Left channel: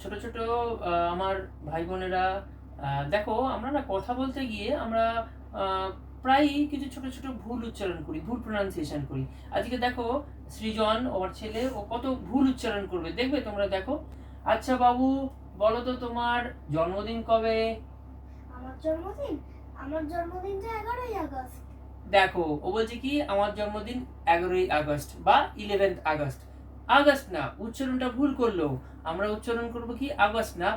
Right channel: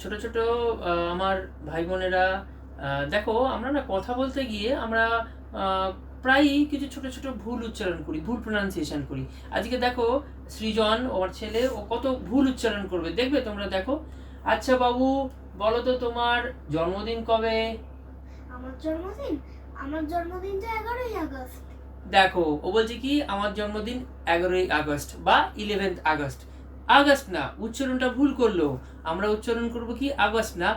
ছোট ছোট আমার ভাই বোনেরা, দেখো আমরা না কথা বলতে গিয়ে আমরা আহ, প্রায়ই কিছু ছোট ছোট ভুল উচ্চারণ করি, ভুল প্রোনাউন্সিয়েশন করি। আজকে দেখো সৃজন আমার ছেলে ও কত ভুল উচ্চারণ করবে, দেখবে তোমরা দেখো। আচ্ছা বাবু, বলো তো তোমার জন্মদিন কবে? আমার জন্মদিন আমার জন্মদিন তো 11ই আগস্ট। দেখো ও বলছে কি আমার জন্মদিন 11ই আগস্ট বা 11th আগস্ট। আগস্ট না, উচ্চারণটা ভুল করলো। আমরা উচ্চারণ করব কি আগস্ট না,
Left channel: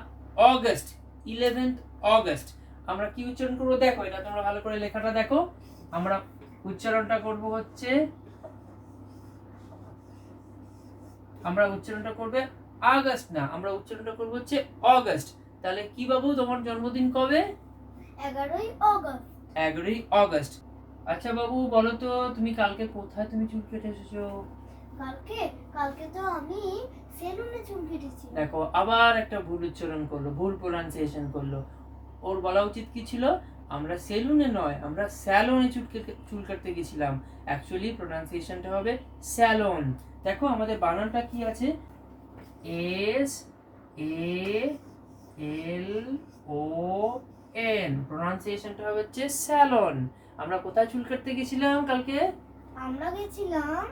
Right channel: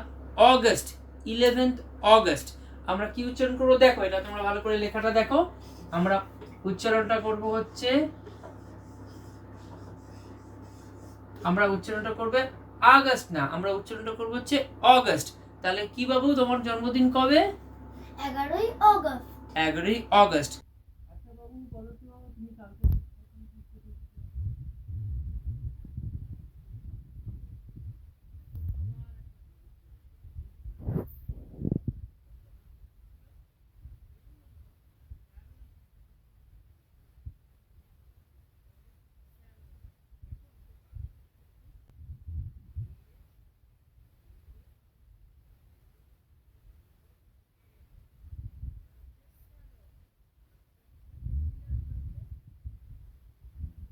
অগস্ট, 11th অগস্ট। আমরা কি উচ্চারণ করবো দেখো, এটা তোমরা ভালো করে লেখাটা দেখো। আমরা উচ্চারণটা করব হচ্ছে, আমরা উচ্চারণটা করবে আগস্ট না, আমরা উচ্চারণটা করব হচ্ছে অগস্ট। তাহলে কি বাবু, তোমার জন্মদিন কবে? 11ই আগস্ট। 11ই অগস্ট। আচ্ছা বাবু, বলো তো তুমি কালকে কোথায় তুমি চুল কেটে এসেছো? কালকে কালকে তো আমি সেলুনে চুল কেটেছি। দেখো আবার একটা ভুল উচ্চারণ করলো, ভুল প্রোনাউন্সিয়েশন করলো। ওর বলা উচিত কি ছিল, আমরা সেলুনে নয়, আমরা স্যালনে চুল কাটতে গেছিলাম। অ্যাকচুয়ালি প্রোনাউন্সিয়েশনটা হবে স্যালন। দেখো আমাদের বানানটা কি আছে, SALON, প্রোনাউন্সিয়েশনটা হবে হচ্ছে স্যালন। আমরা কোথায় চুল কাটতে গেছিলাম কালকে? আমরা গেছিলাম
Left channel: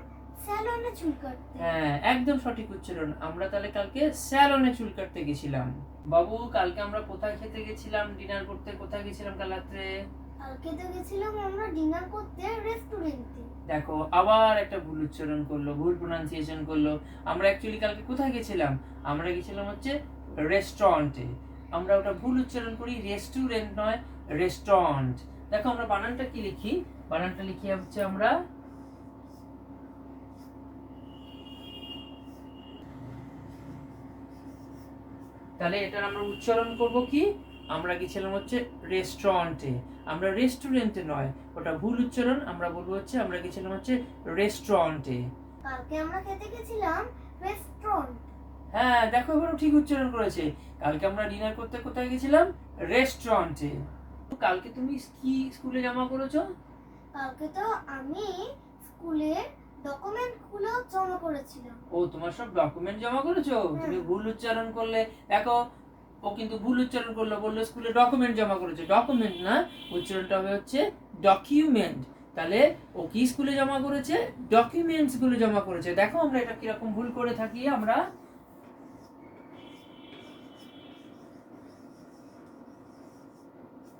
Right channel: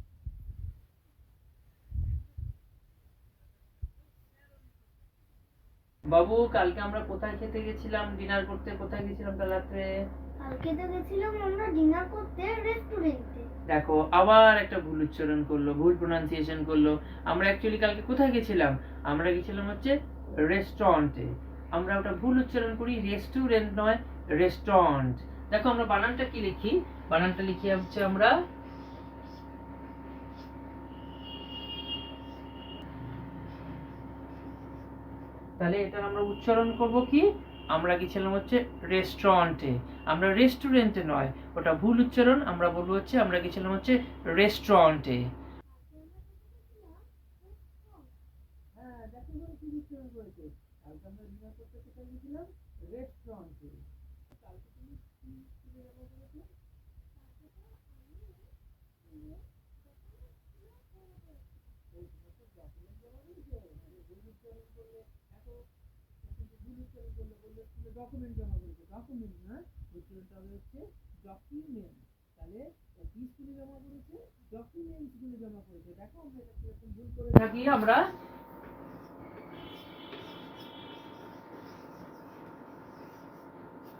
সেলুনে চুল কাটতে। হ্যাঁ, একদম সঠিক উচ্চারণ। আমরা তাহলে কালকে স্যালনে চুল কাটতে গেছিলাম। বাবু, কালকে আমরা কোথায় খেতে গেছিলাম, ডিনার করতে কোথায় গেছিলাম কাল রাত্রে? কালকে তো গেছিলাম আমরা ডিনার করতে রেস্টুরেন্টে। দেখো আবার একটা ভুল উচ্চারণ করলো, ভুল প্রোনাউন্সিয়েশন করলো। আমরা অ্যাকচুয়ালি কালকে কোথায় গেছিলাম, আমরা গেছিলাম হচ্ছে রেস্টুরেন্টে। আমরা ওটা ভুল উচ্চারণ করি, রেস্টুরেন্ট নয়, রেস্টুরেন্ট। দেখো আমরা বানানটা কি লিখি, বানানটা লিখি হচ্ছে আমরা, তাহলে এটার আমরা উচ্চারণ করব কি, আমরা গেছিলাম হচ্ছে রেস্টুরেন্টে, আমরা রেস্টুরেন্টে নয়, ওটা ভুল উচ্চারণ। আমরা বলবো হচ্ছে আমরা গেছিলাম হচ্ছে রেস্টুরেন্টে। কালকে আমরা খেতে গেছিলাম রেস্টুরেন্ট। হ্যাঁ দেখো এবারও ঠিক উচ্চারণ করেছে। কালকে আমরা ডিনার করতে কোথায় গেছিলাম, রেস্টুরেন্টে। কালকে তুমি কি স্কুলে জমা করেছো? কালকে তো আমি স্কুলে ডকুমেন্টগুলো জমা করেছিলাম। ও তোমার সব ডকুমেন্ট জমা করেছো, তুমি ভুল উচ্চারণ করলে। দেখো ও কিন্তু ভুল উচ্চারণ করলো, বললো স্কুলে ডকুমেন্ট জমা করেছে, ডকুমেন্ট না, উচ্চারণটা হবে হচ্ছে ডকুমেন্ট। তাহলে ও কি স্কুলে জমা করেছে, ডকুমেন্টস গুলো জমা করেছে। দেখো আমরা এটা কিরকম ভুল করে থাকি আমরা।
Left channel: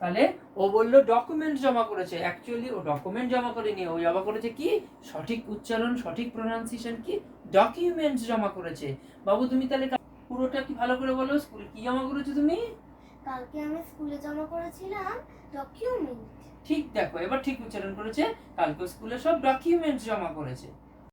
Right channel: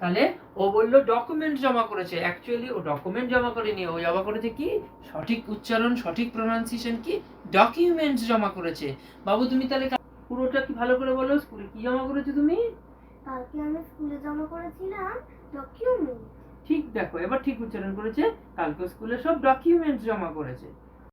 তাহলে ও বললো ডকুমেন্ট জমা করেছে, অ্যাকচুয়ালি ও ডকুমেন্ট জমা করেনি, ও জমা করেছে কি, সঠিক উচ্চারণ সঠিক প্রোনাউন্সিয়েশন কি, ডকুমেন্টস জমা করেছে। বাবু তুমি তাহলে পুরোটা কি ভালো করে বলো, স্কুলে কি জমা করেছো তুমি? কালকে আমি স্কুলে জমা করেছিলাম ডকুমেন্ট। ঠিক, দেখো এবার ঠিক উচ্চারণ করেছে, কালকে স্কুলে সব ডকুমেন্টস জমা করেছে।